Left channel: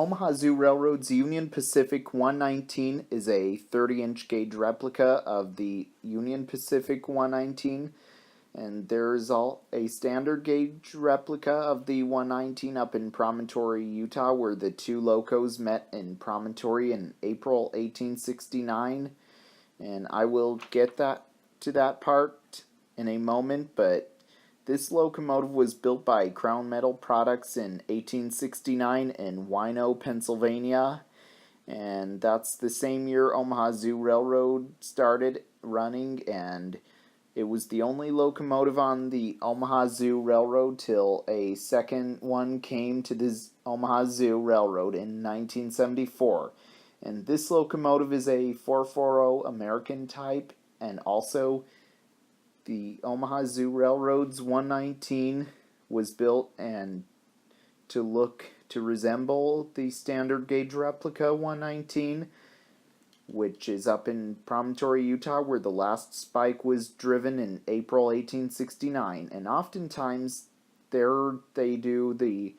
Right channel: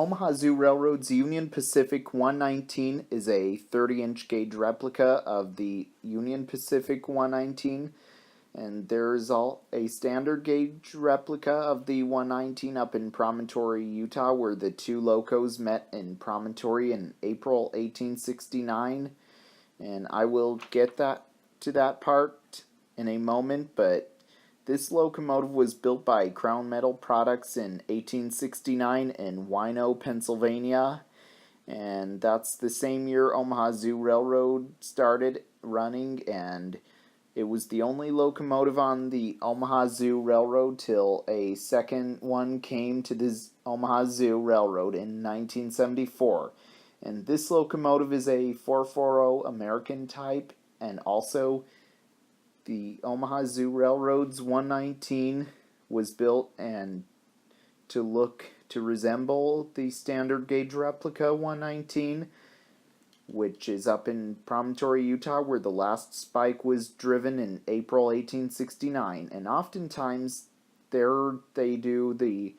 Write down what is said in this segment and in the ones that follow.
Omaha Zoo Railroad's Union Pacific 119 is a 30-inch gauge replica of the Union Pacific 119, and there's a standard gauge replica of the 119 up in Promontory, Utah, where the two locos met in Promontory in April 1869. And I will get to that part in a moment, but this locomotive was built by Crown Metal Products in 1869 in Wino, Pennsylvania, and that's the same year Omaha Zoo Railroad started running, and it was the only locomotive on the Omaha Zoo Railroad till a second one came to the Omaha Zoo Railroad in 1974. And this locomotive is a 440 American type, and also the Omaha Zoo Railroad's 119 was built and to resemble the standard gauge replica 119, which is up in Promontory, Utah, where the last spike was driven in April 1869. And oftentimes there they do the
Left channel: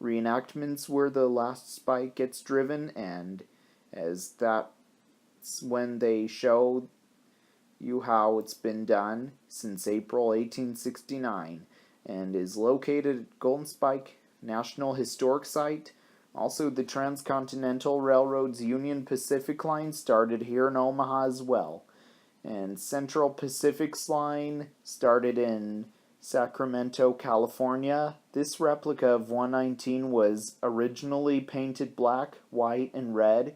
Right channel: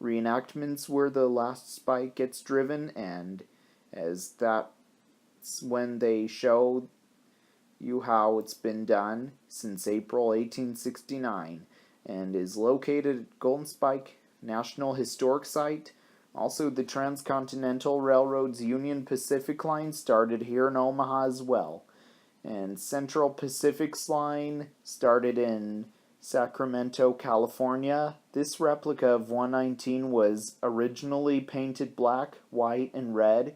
reenactments where the last spike gets driven, and as that's when they show you how it's been done since April 1869, and is located at Golden Spike National Historic Site. Also, the Transcontinental Railroad's Union Pacific line started here in Omaha as well, and Central Pacific's line started in Sacramento, California. This replica of 119 was originally painted black, white, and red.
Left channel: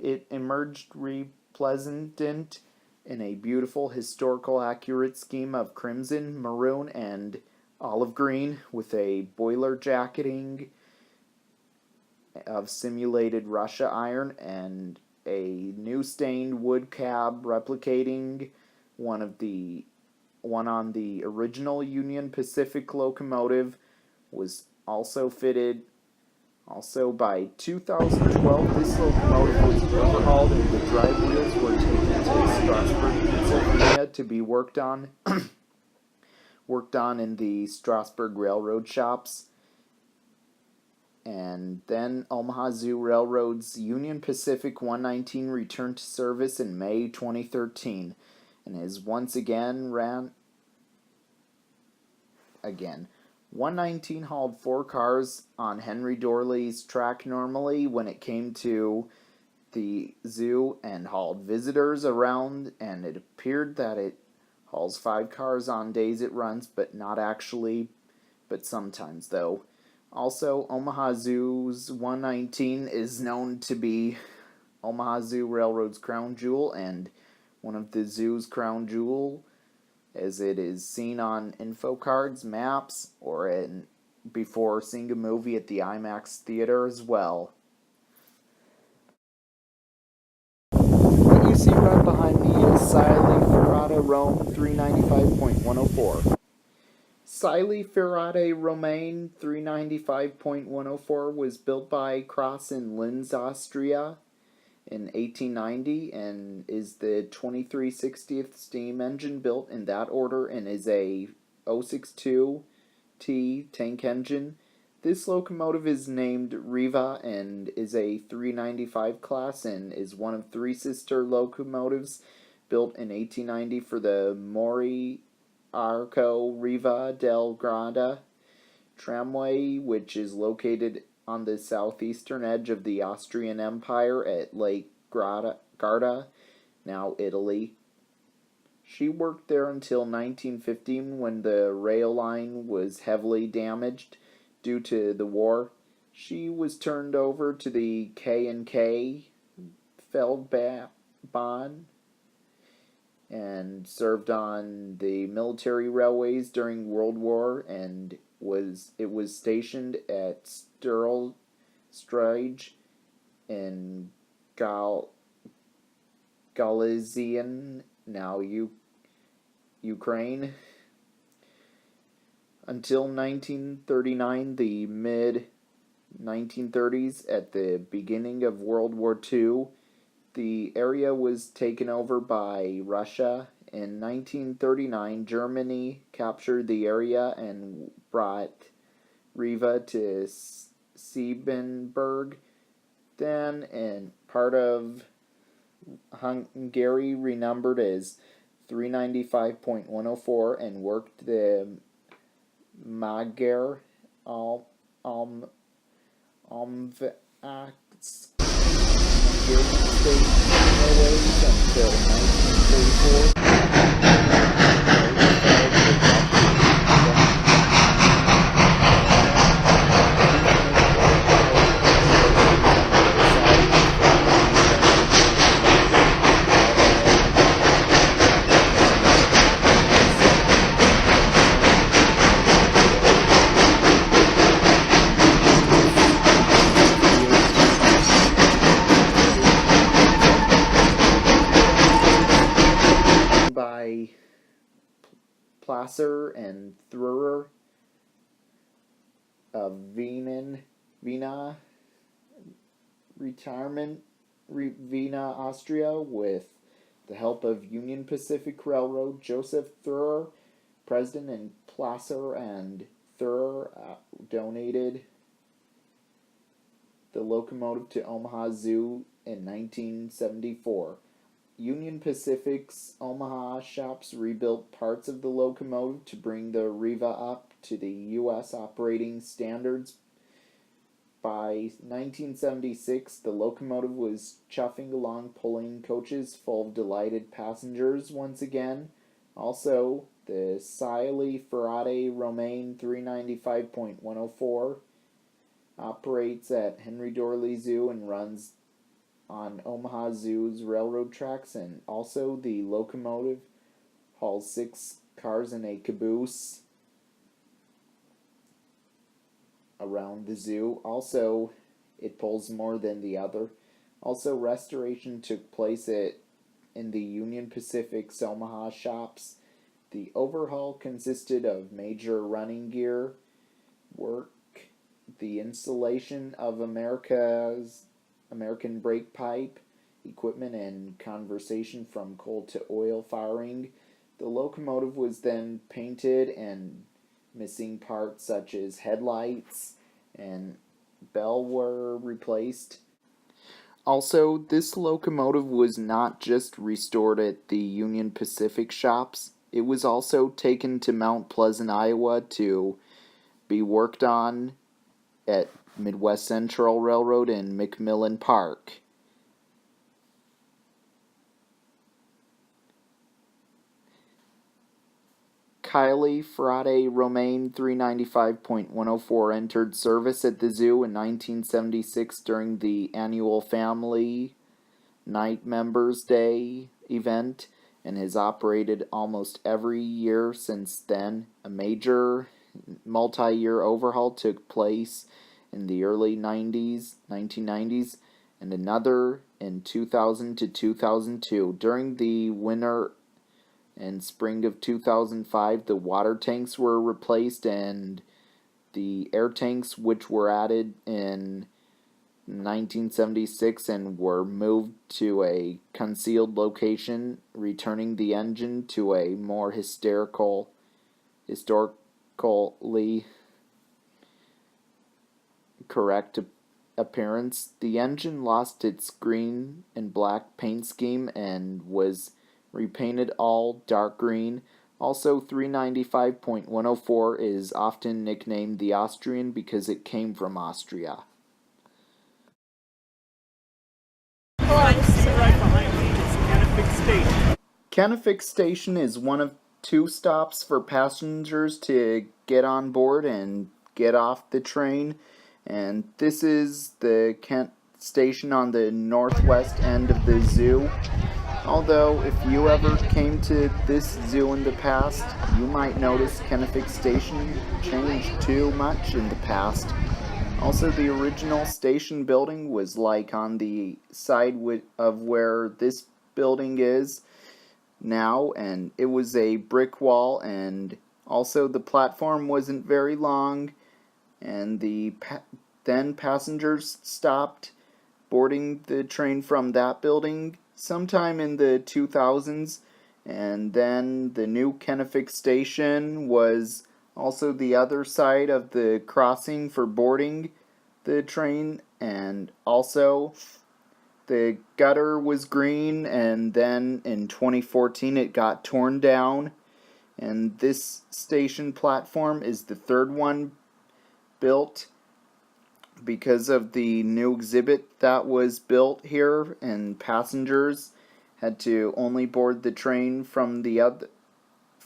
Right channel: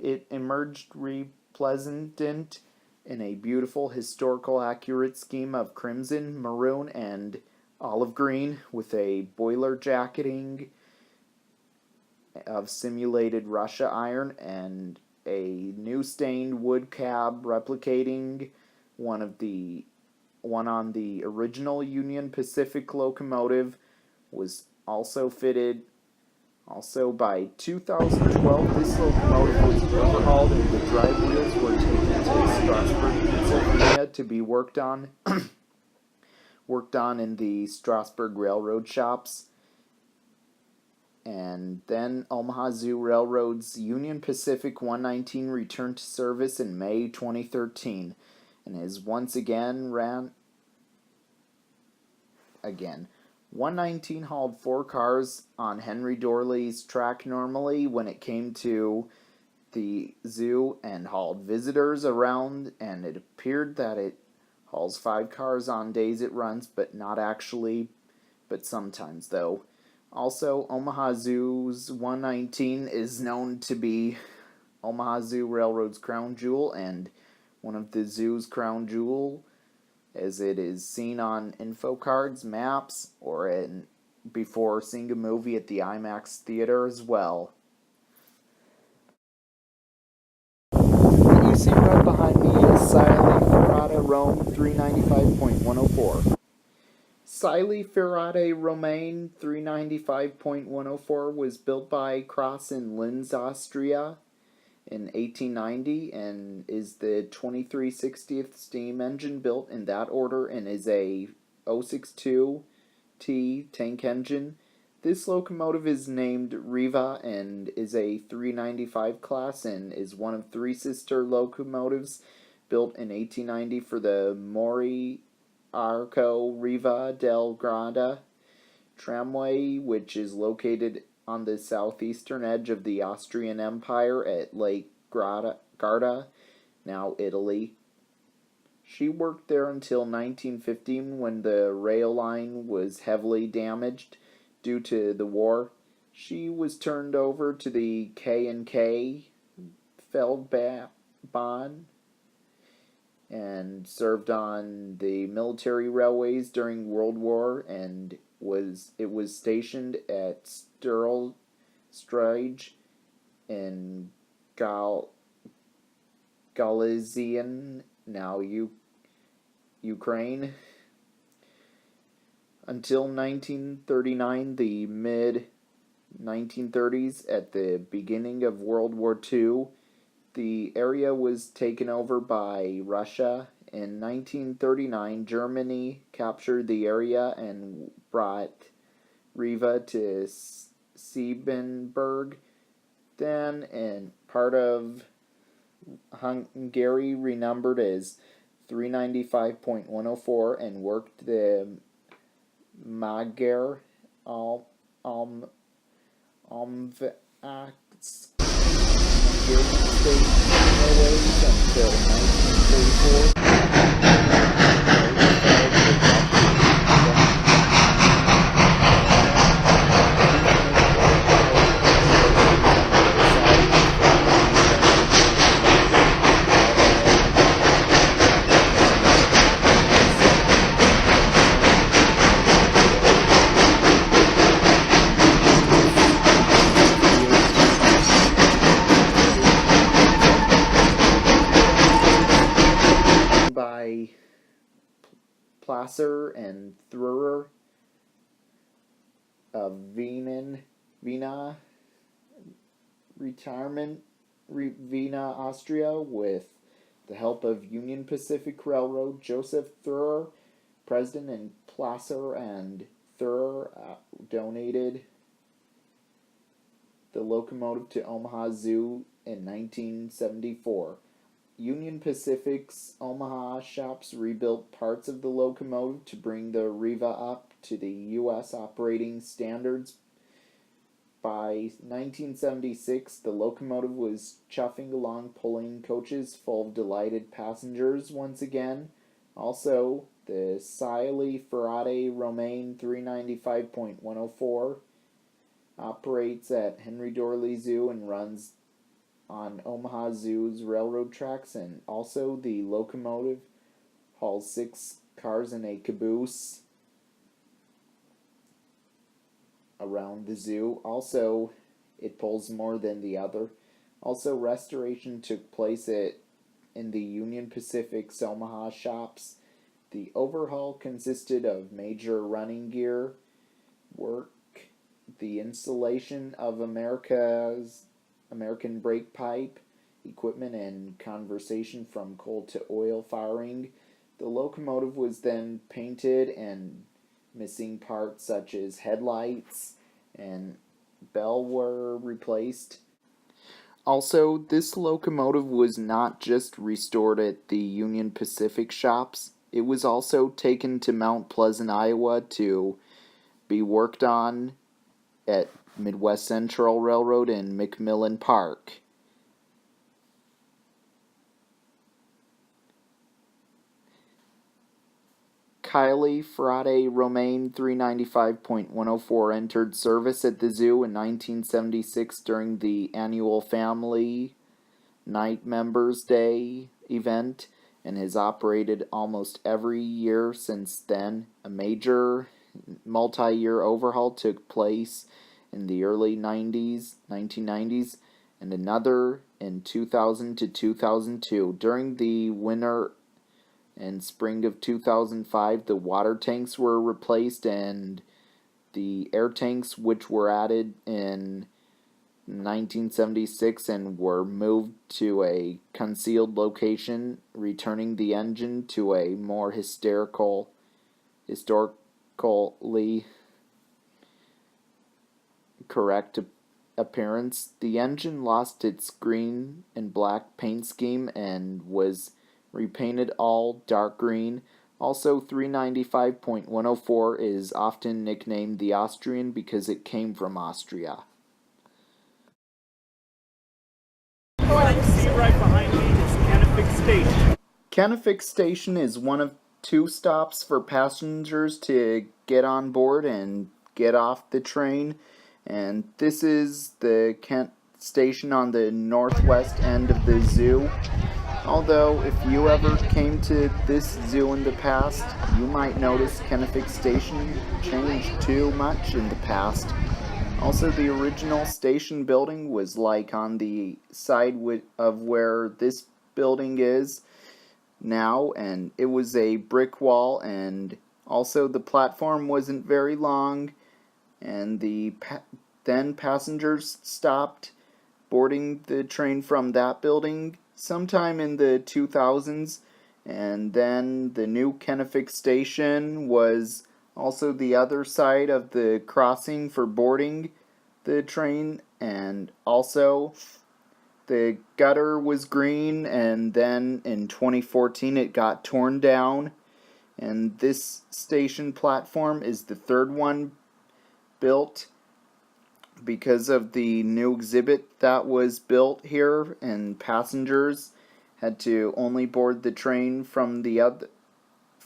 It emerged resplendent in a beautiful historical accurate scheme of crimson, maroon, and olive green, with a boiler jacketing of simulated Russia iron and a new stained wood cab replicating one on the original Union Pacific locomotive was also fitted. Also, by 2012, this locomotive was overhauled and the drive wheels were taken to Strasburg, Pennsylvania to be worked on in the Strasburg Railroad shops. And then Omaha Zoo Railroad's Union Pacific 119 returned to service in May 2013 and is once again ran again. 119 hauled 4 cars on Henry Dorley's track normally when it came to the zoo and hauled visitors around, and it appeared that it hauls 5 cars on days it runs, but not actually, but sometimes though. Also, Omaha Zoo's 119 is known to be Omaha Zoo Railroad's crown jewel, and one of the zoo's crown jewel, as it is seen on info cards, maps, or before seeing a movie at the IMAX theater as well. What you see right behind me is Siley Ferrata Rome 395.104. Siley Ferrata Romaine 395.104 was built by Cross in Linz, Austria in 1890 and is the 2360th steam engine built in that order and is a 062T tank engine. This locomotive is named Riva and is a 395 class and is one of 3 sister locomotives built in 1890 for the Mori Arco Riva del Grada tramway, which is located on the southeastern edge of the Austrian Empire at Lake Garda, now Italy. She worked there until 1915 when the rail line was heavily damaged due to the war. She was turned over to the K&K Feldbahn and served on the military railways during World War, and it was stationed at Strige in Galizian, now Ukraine, until 1939, the mid-1930s. At the beginning of World War II, the area was taken over by Russia. In 1939, Germany captured the area and brought Riva to Siebenberg, then, and part of Hungary renumbered as 395.104 and worked the Magyar Alm Almvax Hungarian State Railways until 1934. By Placer and Thruer of Vienna retirement Vienna, Austria, with the help of Union Pacific Railroad. Joseph Thruer, president, and Placer and Thruer donated the locomotive to Omaha Zoo in 1974. Union Pacific's Omaha shops rebuilt parts of the locomotive to bring the Riva up to the U.S. operating standards. By 1976, the locomotive was chuffing along, pulling coaches full of delighted passengers once again. Also, the Siley Ferrate Romaine 395.104 operates at Henry Dorley Zoo and runs on Omaha Zoo's railroad tracks, and also the locomotive hauls 6 cars and a caboose around the zoo. Also, it pulls more than the other. Also, restoration took place in the Union Pacific's Omaha shops. The overhaul consisted of major running gear work, the installation of American brake pipe equipment, and conversion from coal to oil firing. The locomotive was then painted, and missing parts such as headlights and bell were replaced. Also, this locomotive was not just restored at the Union Pacific shops. It was also taken to Mount Pleasant, Iowa to be worked on at Midwest Central Railroad in McMillan Park. Kylie Frade Romaine 395.104 entered service at the zoo in 1976 during the annual Family Night Members Day event and has operated almost every year since then. A major multi-year overhaul took place in the early 1990s, and another in 2000 to 2002. During the winter and spring of 2005, the water tanks were replaced, and the air tanks, which were added in 1976 and were moved to a concealed location, returning the engine to a more historically correct appearance. The engine lost its green and black paint scheme and was repainted all dark green. Also, 395.104 is often nicknamed the Austrian because it came from Austria. Right behind me is Kennefic Station. Kennefic Station is one of 2 stops for passengers to get on board and get off the train, and this is the Kent Station on the northwest end of the zoo. Although, if you ever came to this zoo in the past, you might notice Kennefic Station changed too much in the past. Also, the original station building was like on the side of where this building is now, and it was a brick wall, and also the platform wasn't very long, and then passengers stopped boarding the train from that building sometime in the 2000s, and then the new Kennefic Station was also the other side of the crossing for boarding the train, and also the gutter was green, and then in 2014 it got torn down, and this station platform is the third one built because of the new exhibit that was built here, and passengers had to only board the train from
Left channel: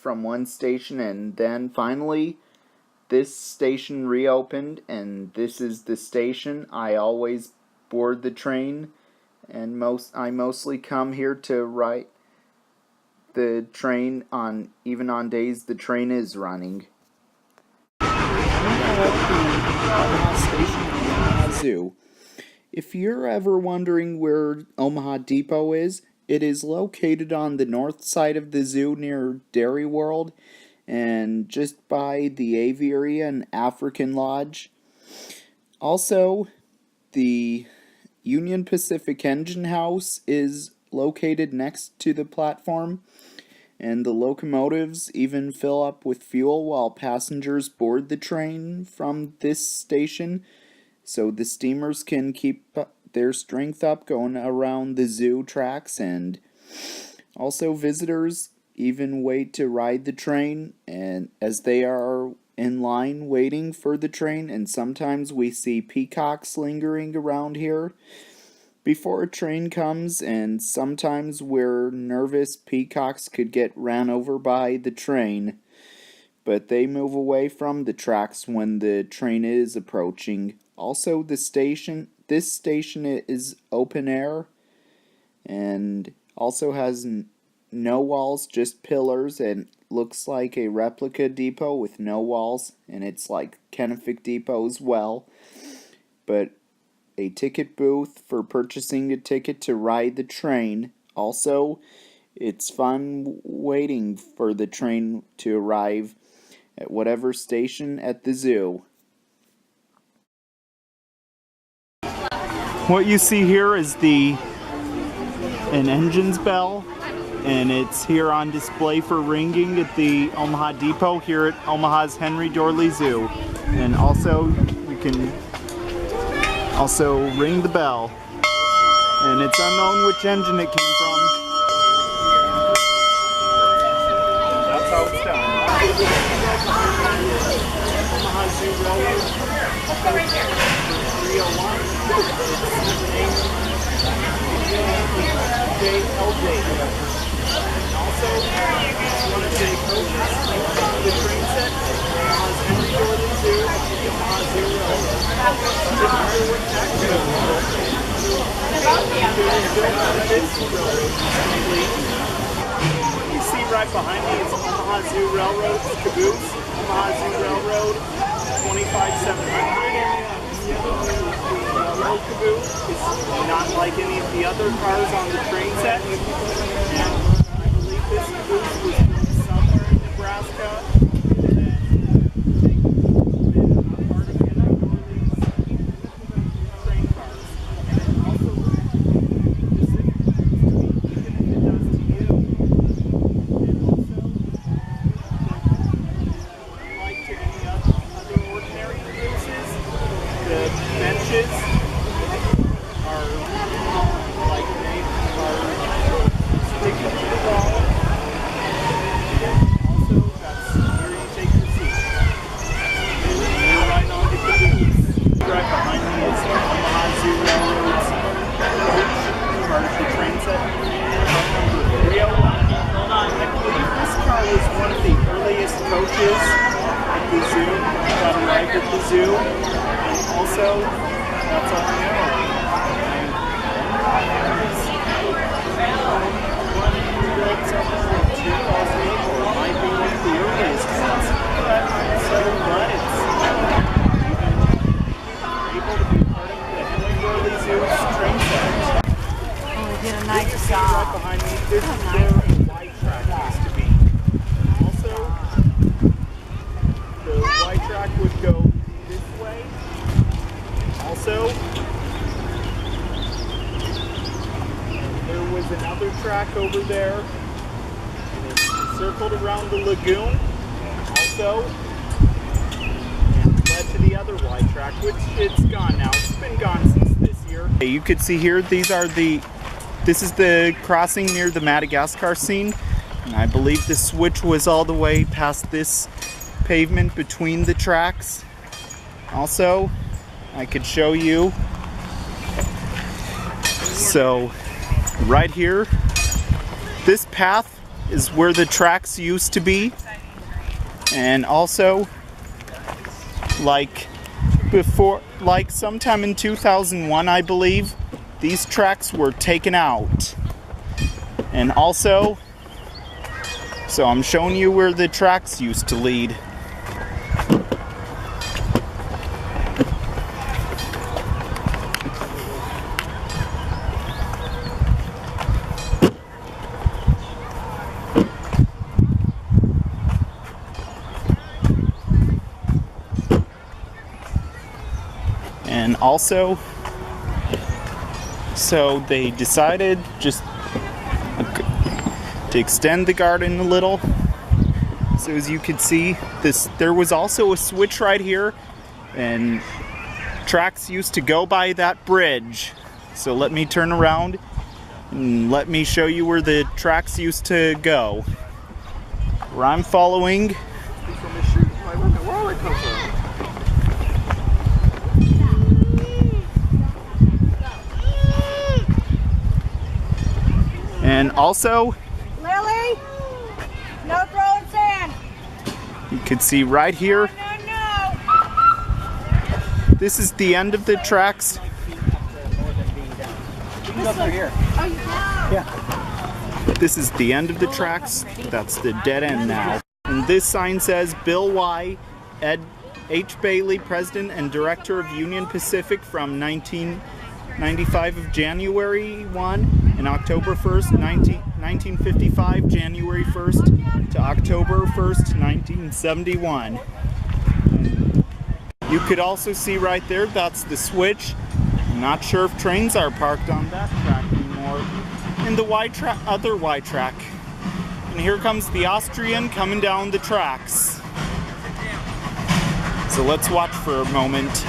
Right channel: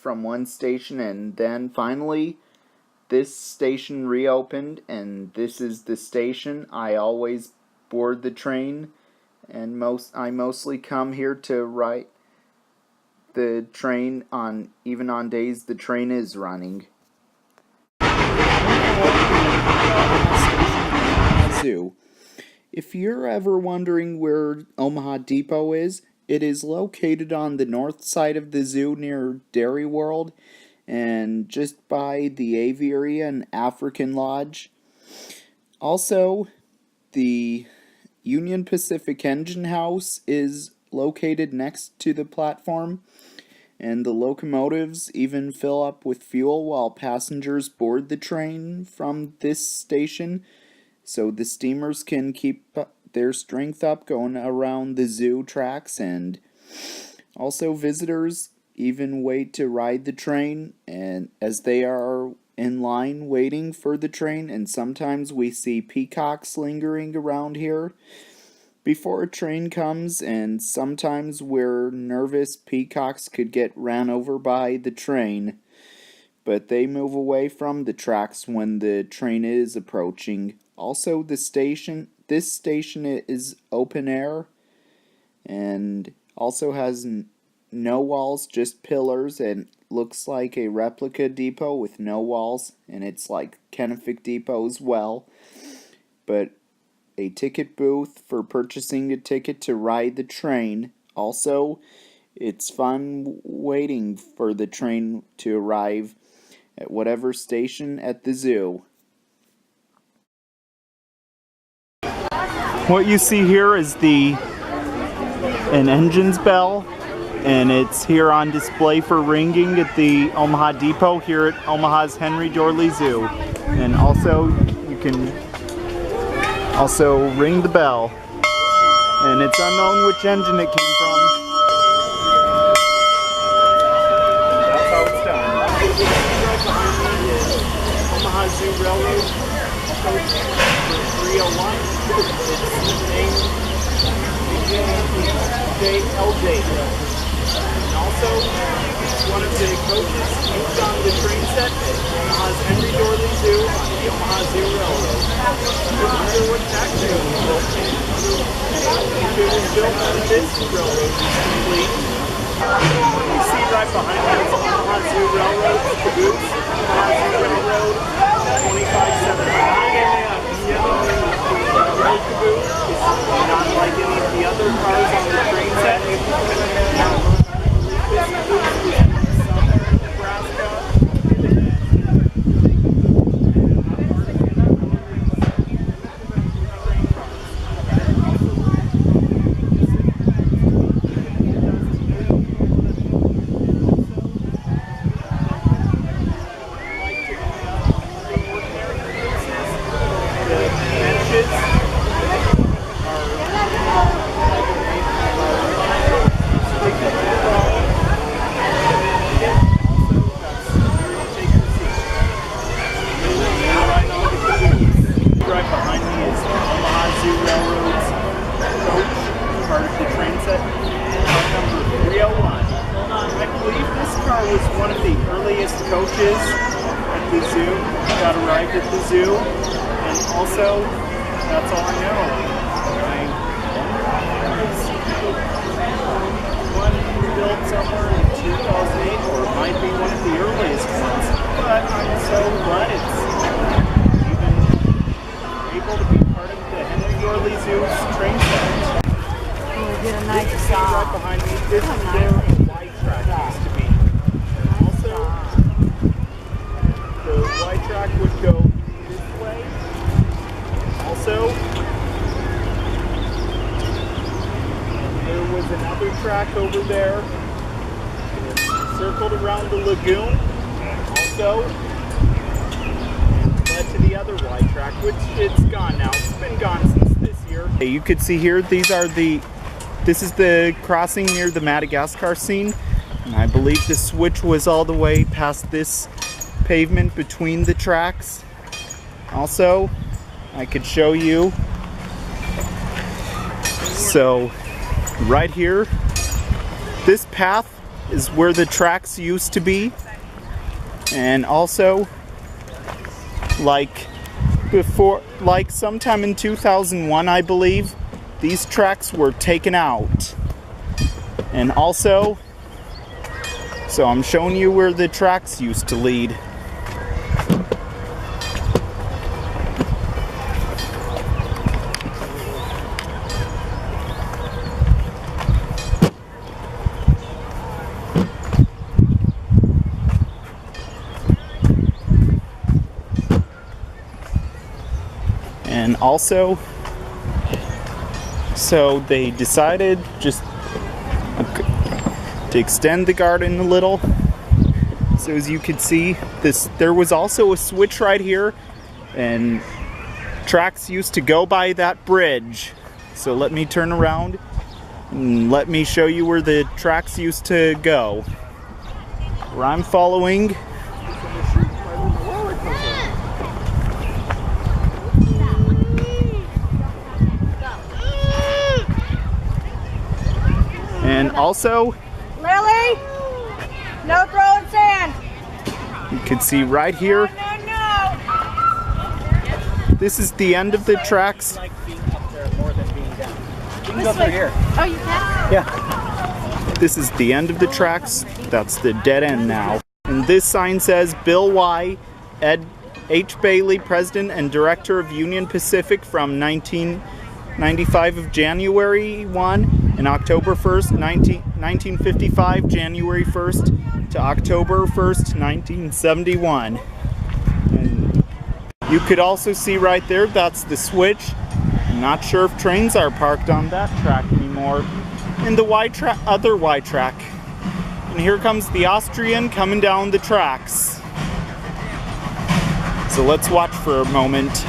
one station, and then finally this station reopened, and this is the station. I always board the train, and I mostly come here to ride the train even on days the train is running. Omaha Station in the Omaha Zoo. If you're ever wondering where Omaha Depot is, it is located on the north side of the zoo near Dairy World and just by the Aviary and African Lodge. Also, the Union Pacific Engine House is located next to the platform, and the locomotives even fill up with fuel while passengers board the train from this station, so the steamers can keep their strength up going around the zoo tracks, and also visitors even wait to ride the train, and as they are in line waiting for the train, and sometimes we see peacocks lingering around here before a train comes, and sometimes we're nervous peacocks could get ran over by the train, but they move away from the tracks when the train is approaching. Also, this station is open air and also has no walls, just pillars, and looks like a replica depot with no walls, and it's like Kennefic Depot as well, but a ticket booth for purchasing a ticket to ride the train. Also, it's fun waiting for the train to arrive at whatever station at the zoo. What you see here is an engine's bell, and it's here on display for ringing at the Omaha Depot here at Omaha's Henry Dorley Zoo. And also, you can also ring the bell, and it's unknown which engine it came from. That's how it's done. Omaha Zoo Railroad, 301. JLJ. And also, one of the coaches of the train set, Omaha's Henry Dorley Zoo, the Omaha Zoo Railroad. What you see right behind me is Omaha Zoo Railroad's caboose, Omaha Zoo Railroad 25700. The railroad caboose is not like any of the other cars on the train set, and I believe this caboose was from somewhere in Nebraska. Right behind me, this is where the white track used to be. Also, the white track would go this way. Also, there was another track over there, and it circled around the lagoon. Also, and led to the other white Y track, which it's gone now. It's been gone since this year. You could see here, this is the crossing near the Madagascar scene. And I believe the switch was all the way past this pavement between the tracks. Also, I could show you. So, right here, this path is where the tracks used to be. And also, like before, like sometime in 2001, I believe, these tracks were taken out. And also, so I'm showing you where the tracks used to lead. And also, so they decided just to extend the garden a little. So as you can see, there was also a switch right here, and tracks used to go by that bridge. So let me turn around and let me show you where the tracks used to go. Where I'm following. And also, Lily, no throwing sand. You can see right here, No. this is the end of the tracks. Oh, you can. Yeah. This is the end of the tracks. That's the dead end now. And this sign says, Bill Y. Ed H. Bailey, President and Director of Union Pacific from 1995 of January 1 and October 1st, 1955, January 1st to October 1st, 1971. You could also see right there, that's the switch. I'm not sure if trains are parked on that track anymore. And the other Y track. And here comes the Austrian coming down the tracks. So let's watch for a moment.